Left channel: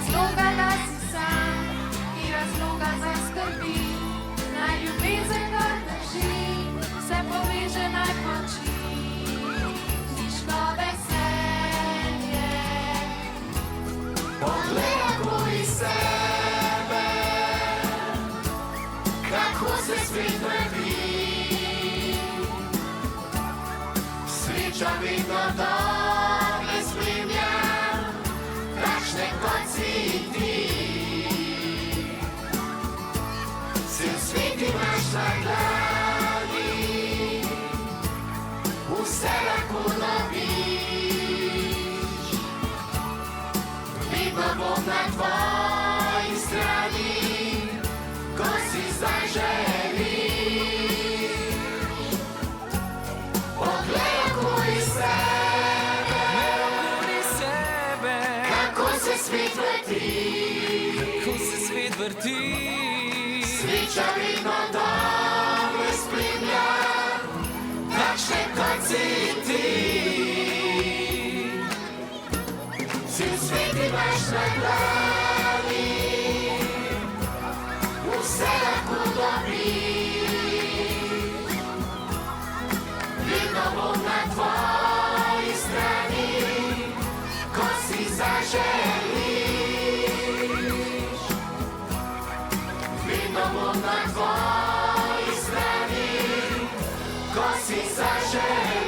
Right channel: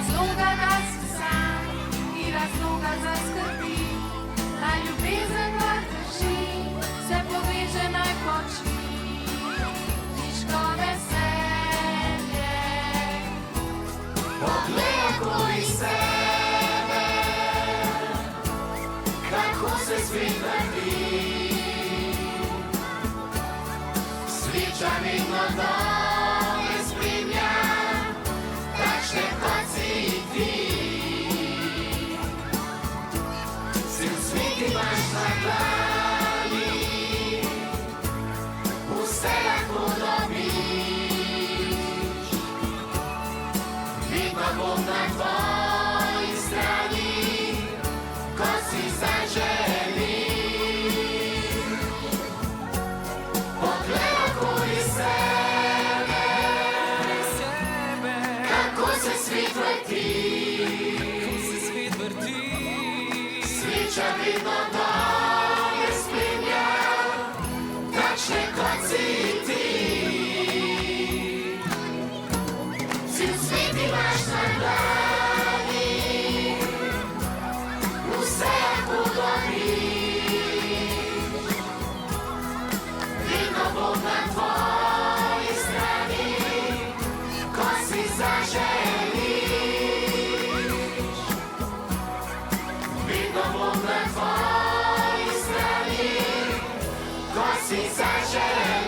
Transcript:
razloga, da si sam, ni razloga za skrbi. Naj ljubezen ga drži, se poveže, naj poči. Niško veselje. Poglej okoli sebe, kako se svet vrti. Sreča vedno dome spremlja, takšne kot si ti. Cel svet imaš na glavi, vse lahko dobiš. Vedno bom na tvoji strani, ko si zdaj želiš. Poglej okoli sebe, kako se svet vrti. Sreča vedno dobre spremlja, takšne kot si ti. Cel svet imaš na glavi, vse lahko dobiš. Vedno bom na tvoji strani, ko si zaželiš. Vedno bom na tvoji strani, ko si zaželiš.